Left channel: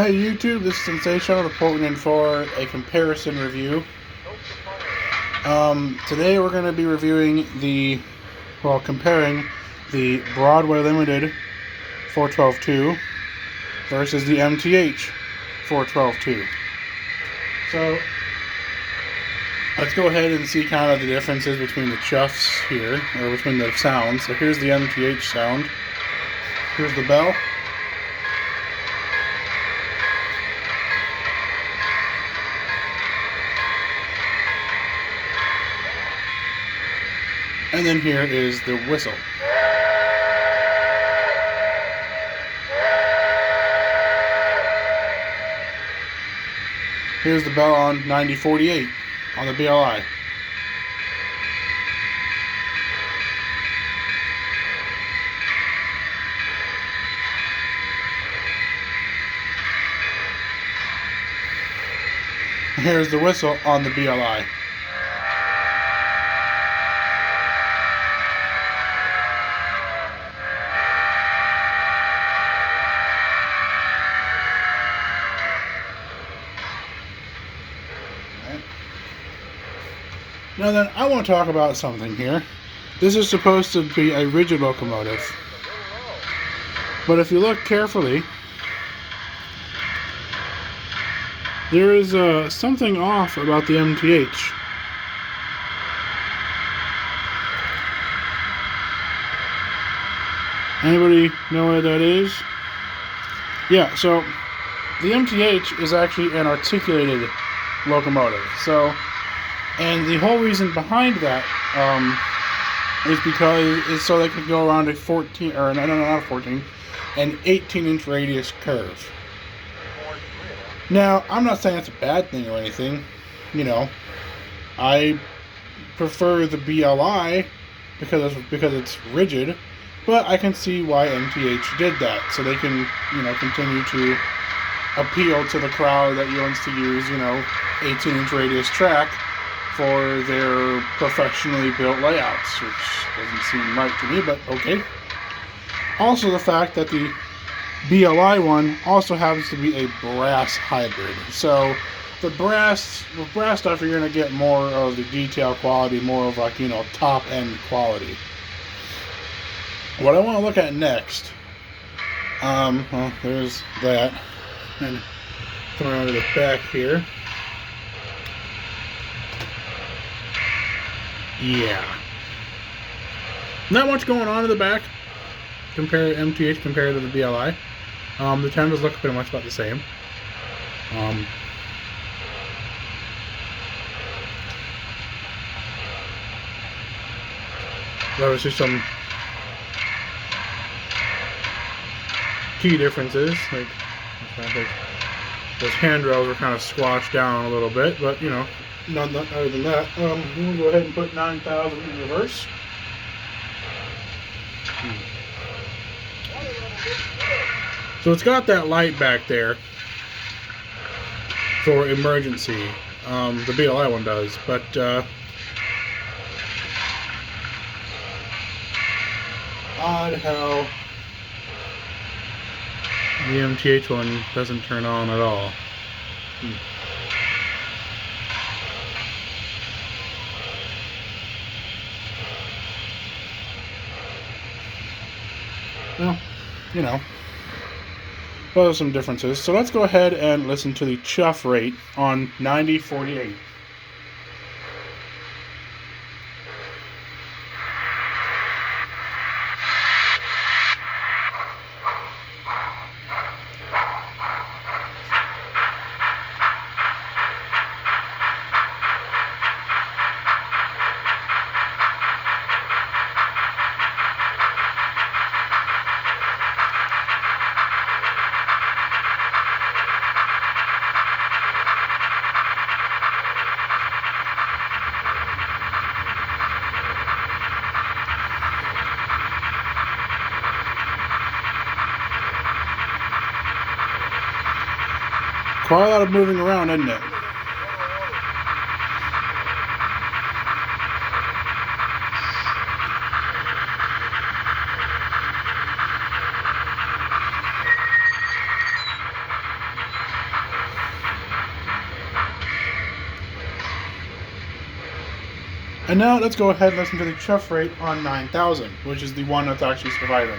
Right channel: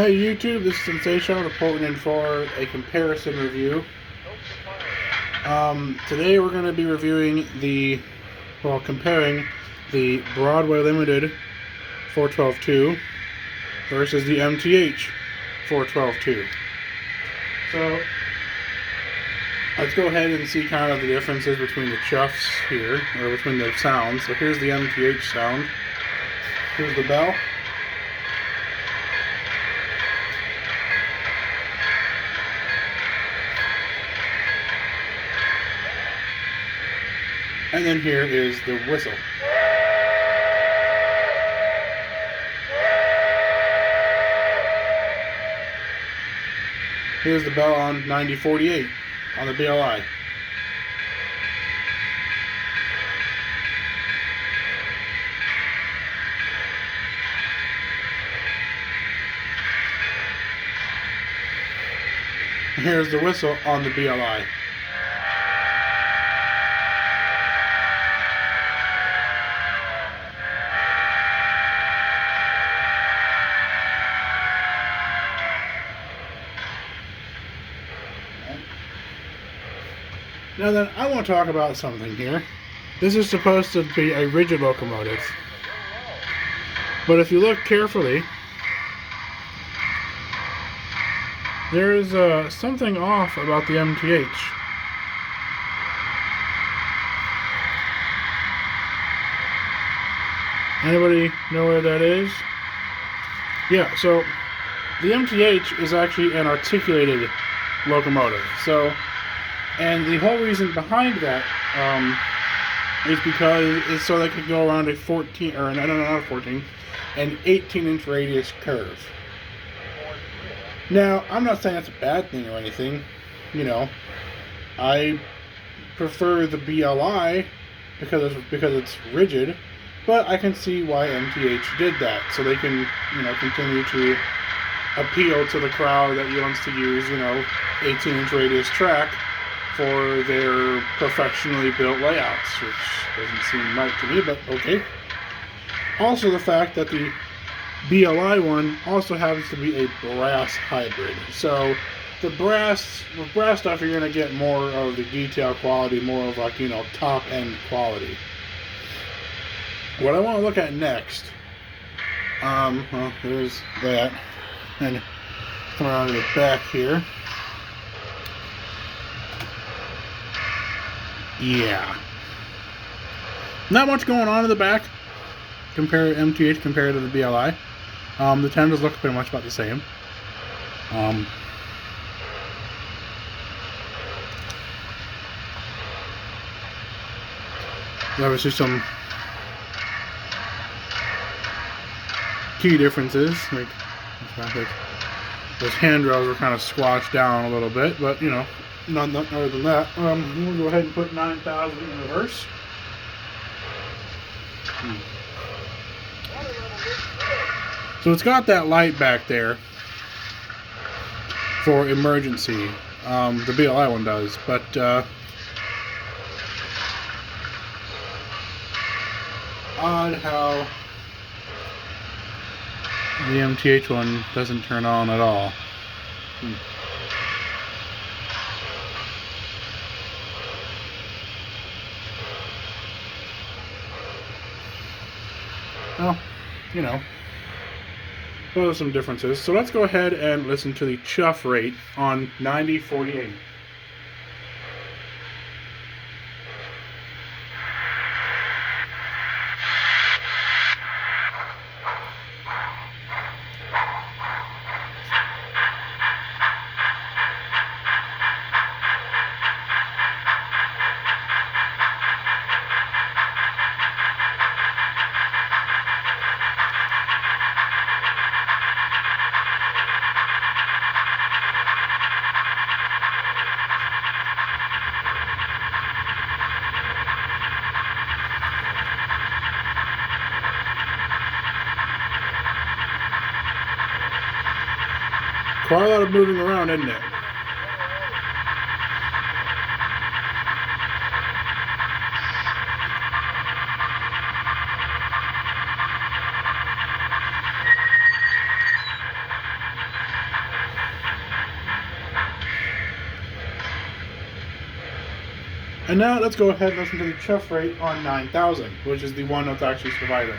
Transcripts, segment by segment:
Hey YouTube, this is Sensational reporting in for a comparison review. Today we're going to be reviewing comparing the Broadway Limited 412.2 versus the MTH 412.2. So let's go ahead and see kind of the differences between the chuffs here, or between the sounds. So here's the MTH sound. Here's the bell. And then here is the whistle. Here's the bell on 9048 on the BLI. Here's the whistle on the BLI. Now then, I want to talk about something here. This is supposed to be a rigid locomotive. But if you look carefully, there is something off about the MTH. Anybody know where that is? Yeah, so the MTH is actually an articulated locomotive. And the whole reason behind that is because it's so they could go around a 14, or no, not a 14, an 18-inch radius curve. Now, I'm not saying that's a bad thing or anything. You know, I prefer the BLI because it's rigid, but I can see why MTH did that, so they can, continue to appeal to the crowd that wants to use, 18-inch radius track for their professionally built layouts, which doesn't seem right to me, but okay. Also, the fact that the BLI one also happens to be a brass hybrid. So the brass stuff, you're going to get more of the detail quality, more of like, top end quality. What I want to look at next, well, there's that. And come out of the back here. Yeah. Not much going on in the back compared to MTH compared to the BLI. The tendons look pretty much about the same. There was just some key differences. Like those handrails were kind of squashed down a little bit, but none other than that. I'm going to go ahead and put 9,000 in reverse. So it's got that light back there for emergency. The BLI one does, but odd how the MTH one doesn't turn on at all. Well, those are some differences. So let's go ahead and listen to the chuff rate on 9048. Quite a lot of moving around, isn't it? And now let's go ahead and listen to the chuff rate on 9000, which is the one that's actually surviving.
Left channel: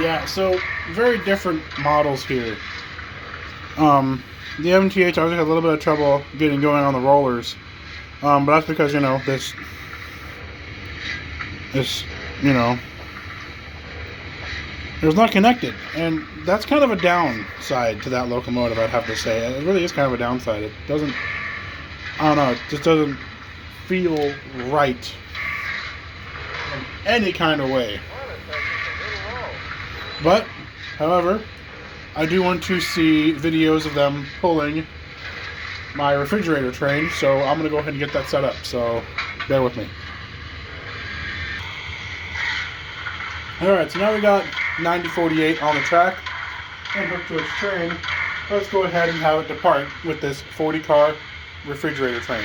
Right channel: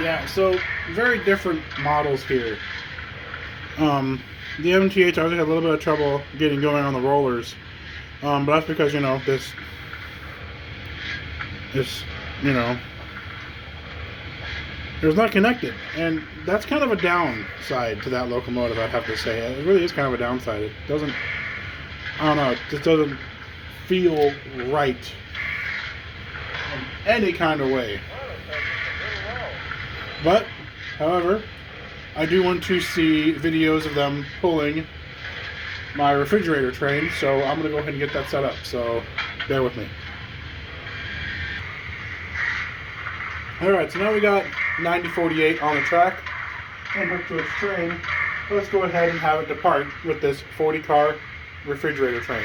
Yeah, so very different models here. The MTH, I was had a little bit of trouble getting going on the rollers, but that's because, you know, this, you know, it was not connected, and that's kind of a downside to that locomotive, I'd have to say. It really is kind of a downside. It doesn't, I don't know, it just doesn't feel right in any kind of way. But, however, I do want to see videos of them pulling my refrigerator train, so I'm going to go ahead and get that set up, so bear with me. Alright, so now we got 9048 on the track and hooked to its train. Let's go ahead and have it depart with this 40-car refrigerator train.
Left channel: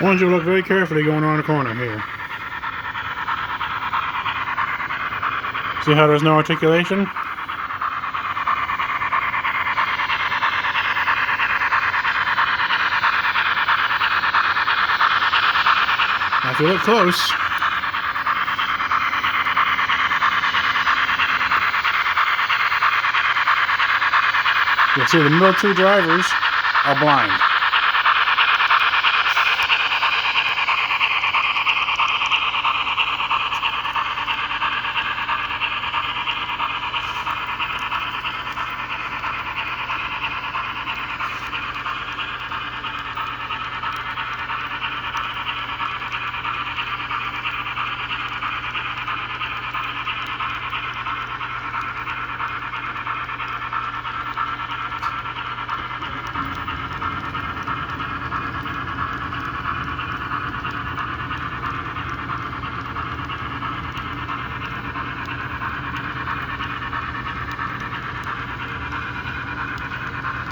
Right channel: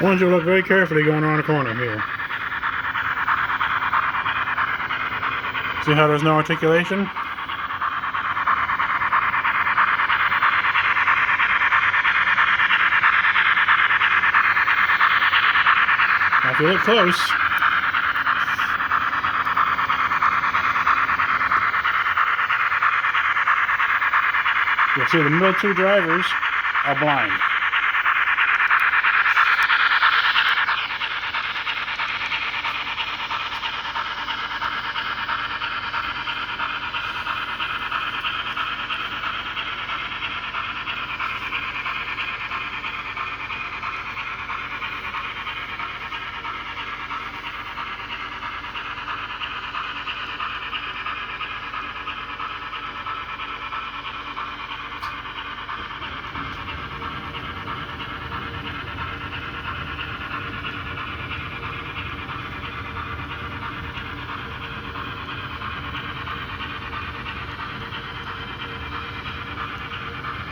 I want you to look very carefully going around the corner here. See how there's no articulation? Now if you look close, you'll see the middle two drivers are blind.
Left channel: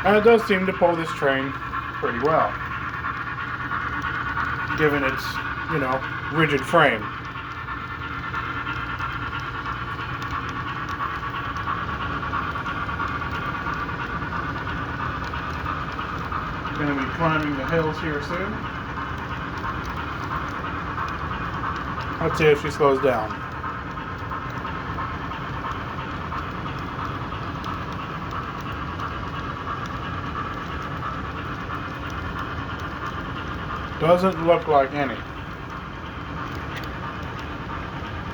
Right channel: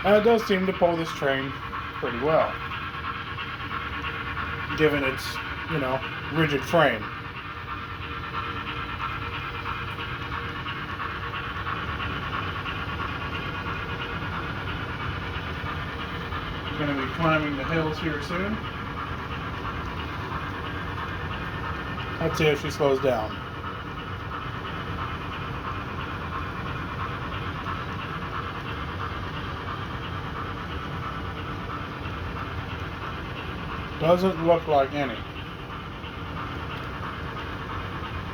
And it does seem to pull this train pretty well, given its, you know, rigid frame. Going to be climbing the hills here soon. Let's see if she slows down. Doesn't look like any.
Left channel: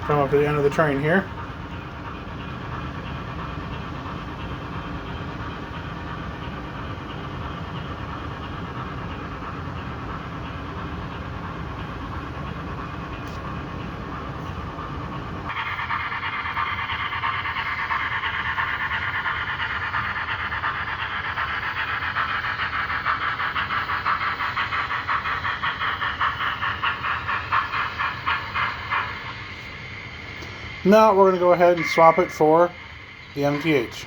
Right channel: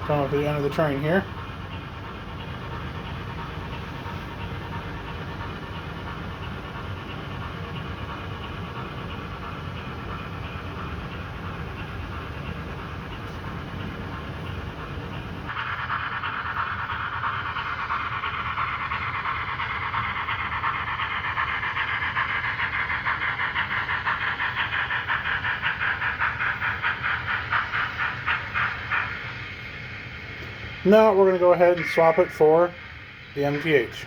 Come up to the end of the train here. Now we're going to go ahead and swap it for the MTH.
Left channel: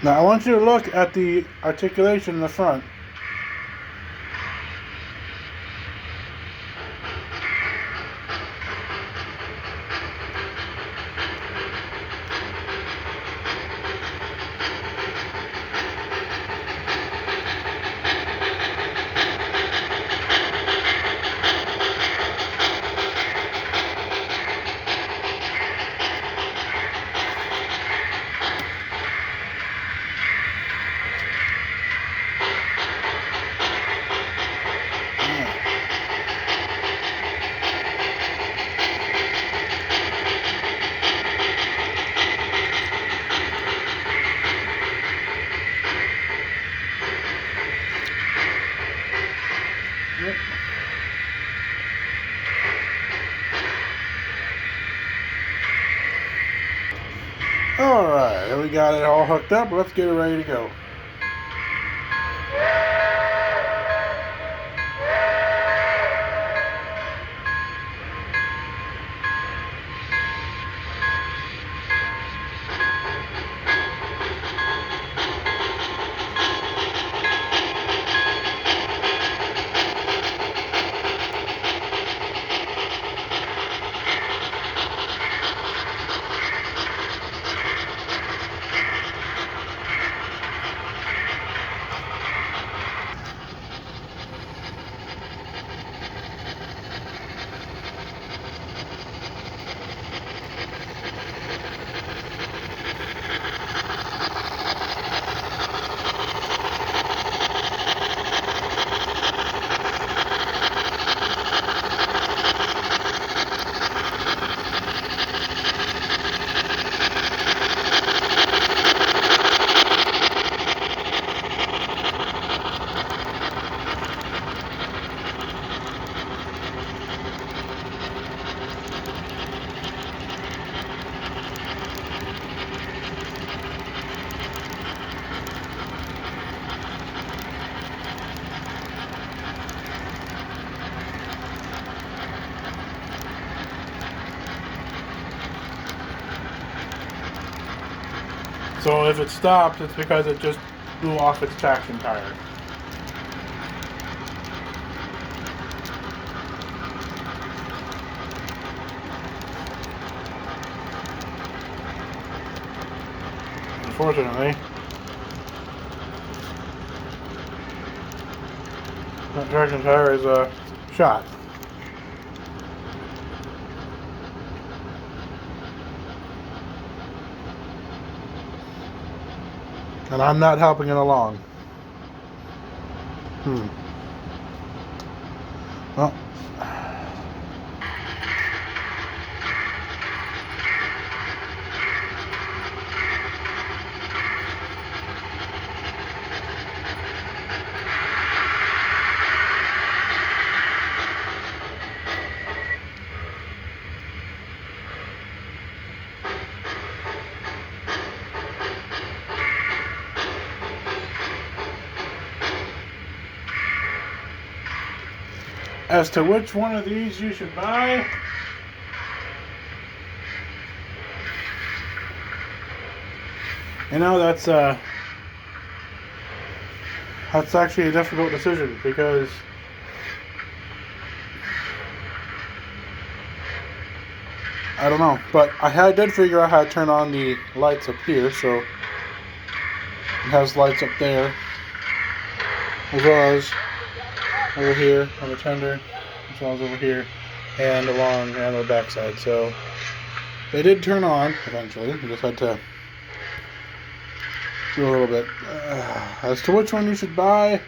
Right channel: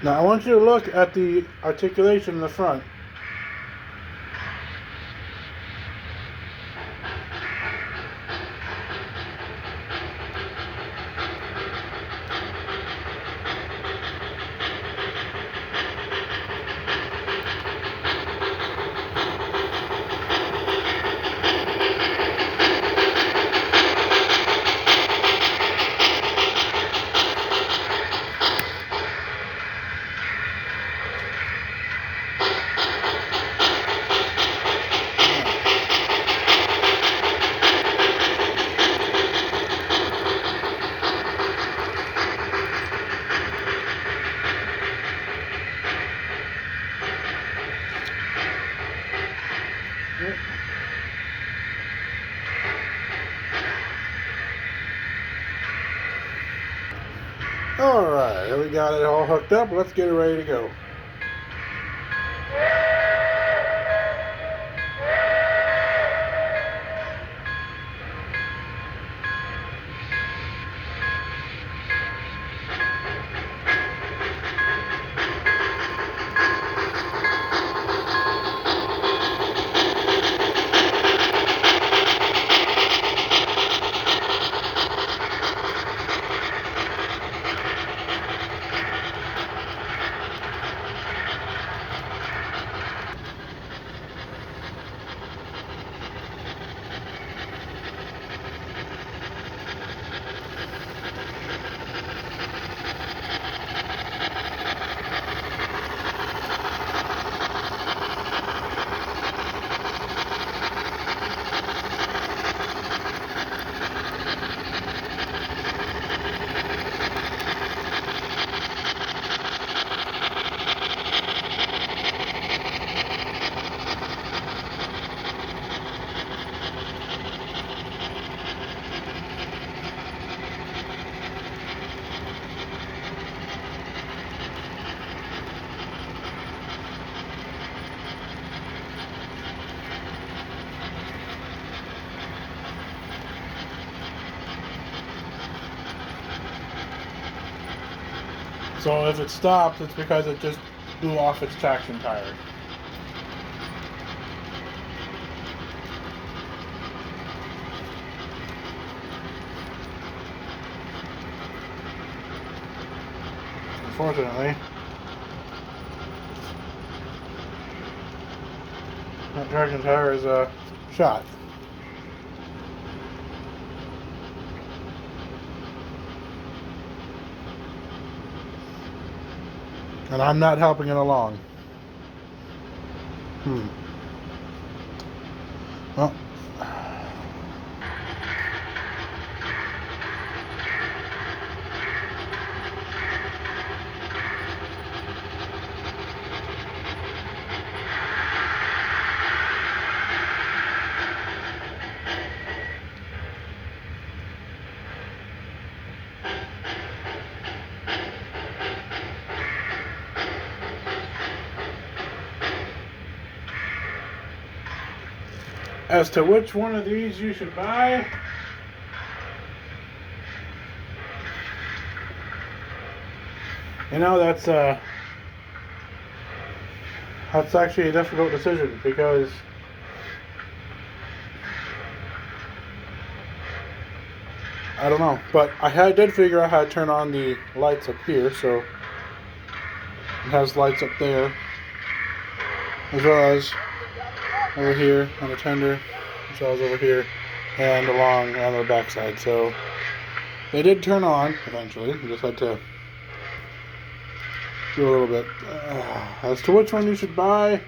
Now I want you to look at the articulation in the front. Alright, we got it all hooked up. Let's get it ready to go. So if it stops, it's because it just blew off its traction tire. Unfortunately, that traction tire is shot. And I'm not helping it along. Well, As to which one of these you should buy, you know, that's actually a difficult decision because I don't know, but I did figure out how to turn on the lights up here, so it has lights up there, as well as over here on the tender, as well as over here, and along on the backside. So they did turn on eventually. We just had to do a little bit. As to which one you should buy,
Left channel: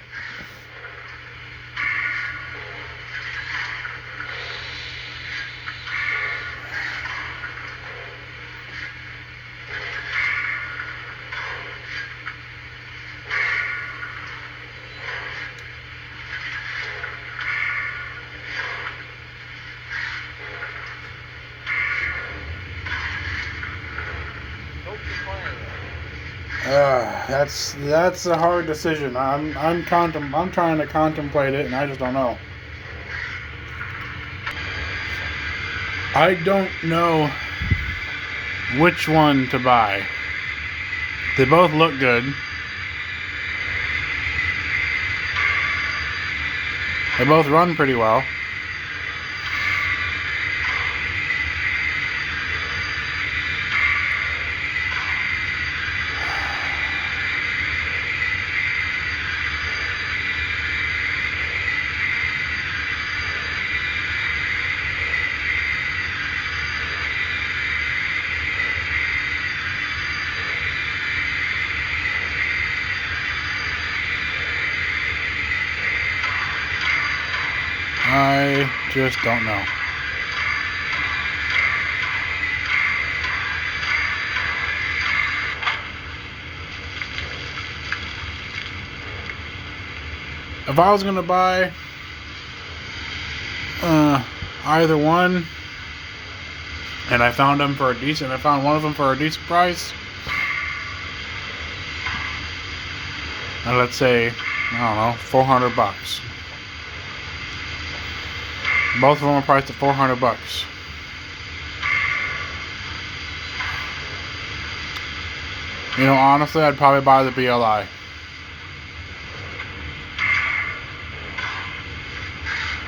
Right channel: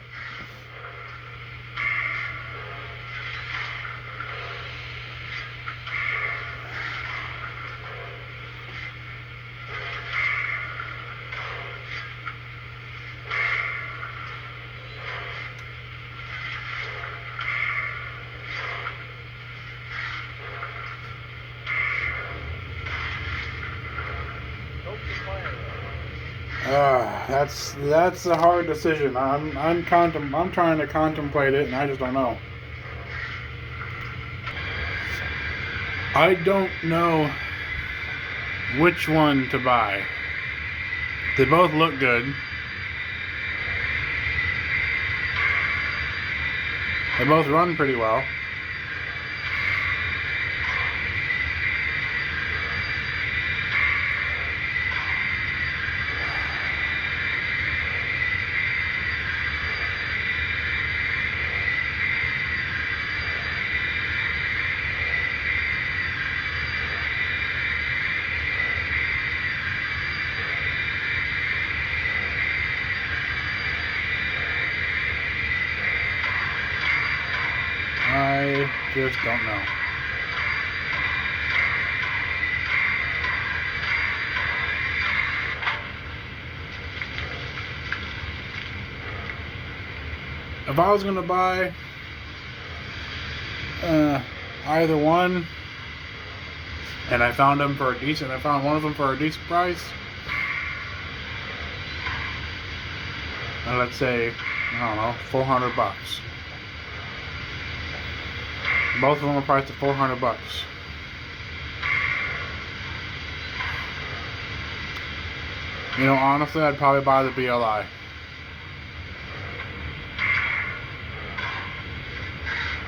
that's a hard decision. I'm trying to contemplate it, and I just don't know. I don't know which one to buy. They both look good. They both run pretty well. I just don't know. If I was gonna buy either one, and I found one of them for a decent price, and let's say, I don't know, $400. Both of them are priced at $400. You know, honestly, I'd probably buy the BLI.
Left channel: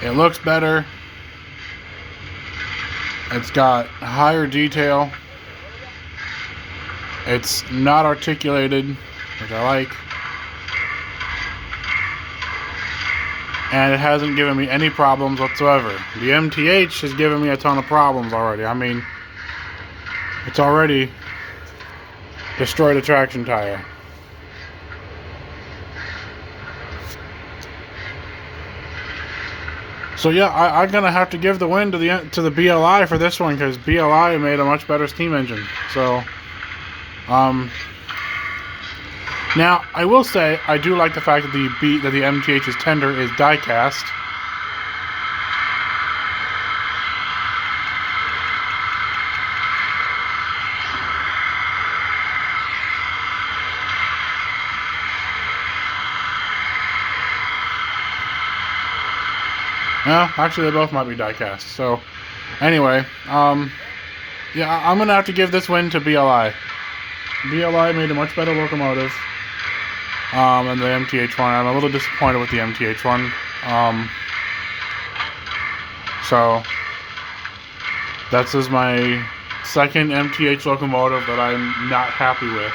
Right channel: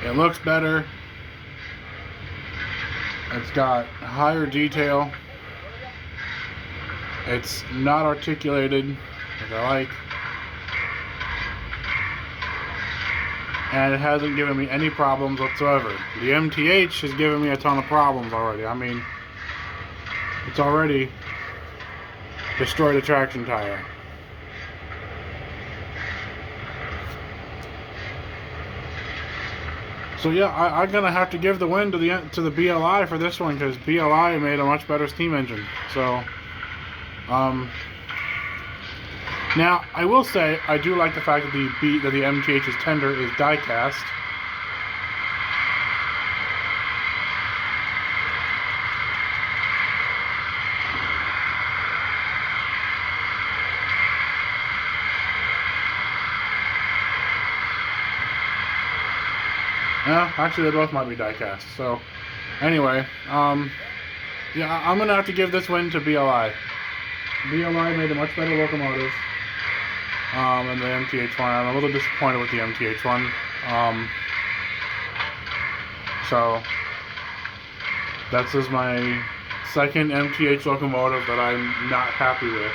It looks better. It's got higher detail. It's not articulated, which I like. And it hasn't given me any problems whatsoever. The MTH has given me a ton of problems already. I mean, it's already destroyed a traction tire. So yeah, I'm gonna have to give the win to the BLI for this one, because BLI made a much better steam engine. So, now I will say I do like the fact that the MTH's tender is die cast. Yeah, actually they both might be die cast. So anyway, yeah, I'm gonna have to give this win to BLI. BLI made a much better locomotive, and the MTH one, I'm a little disappointed with the MTH one. So this is my second MTH locomotive that I'm not happy with.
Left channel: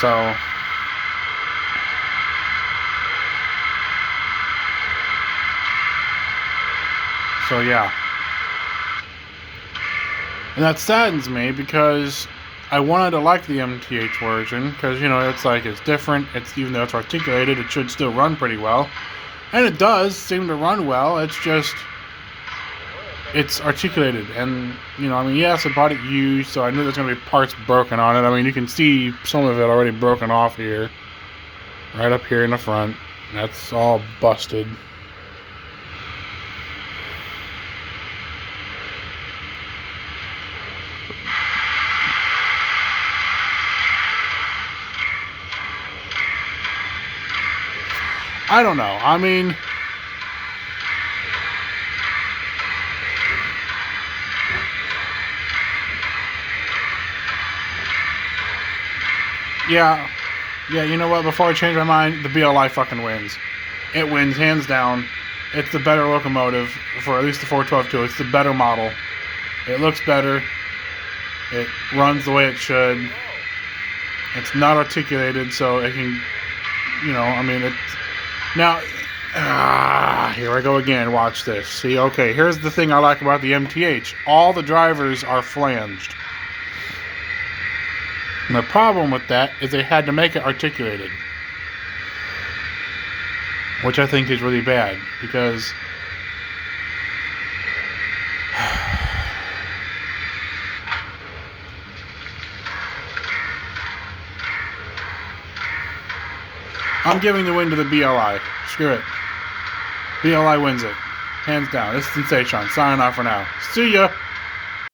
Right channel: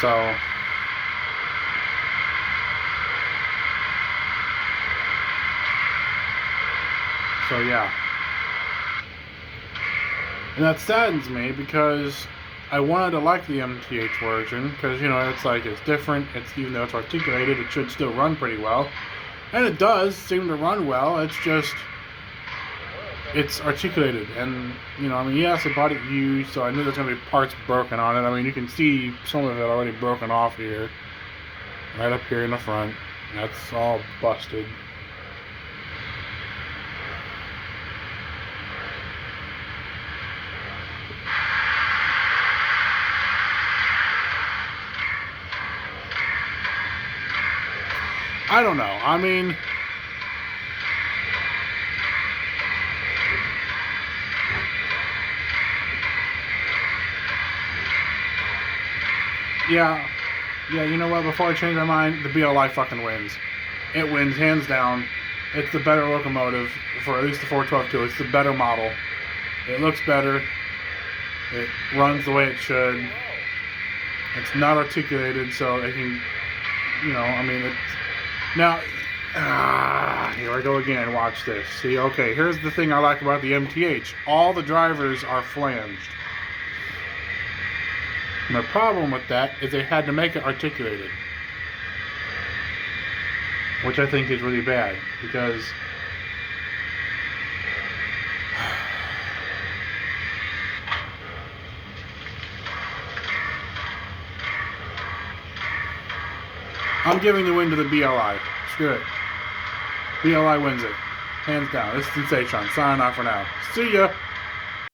So yeah. And that saddens me, because I wanted to like the MTH version, because, you know, it's like, it's different. It's, even though it's articulated, it should still run pretty well. And it does seem to run well. It's just, it's articulated. And, you know, I mean, yes, I bought it used, so I knew there's going to be parts broken on it. I mean, you can see some of it already broken off here. Right up here in the front. That's all busted. I don't know. I mean, yeah, you know what? Before I change my mind, the BLI fucking wins. It wins, hands down. It's the better locomotive, for at least the 412-2. It's the better model. It looks better. It runs the way it should. It's not articulated, so it can, I mean, it's... Now, here I go again. Watch this. See, okay, here's the thing I like about the MTH. All the drivers are flanged. And the problem with that is they had to make it articulated, which I think is really bad, because I'm giving the win to the BLI. Screw it. BLI wins it. Hands down. It's Sensation. Signing off for now. See ya!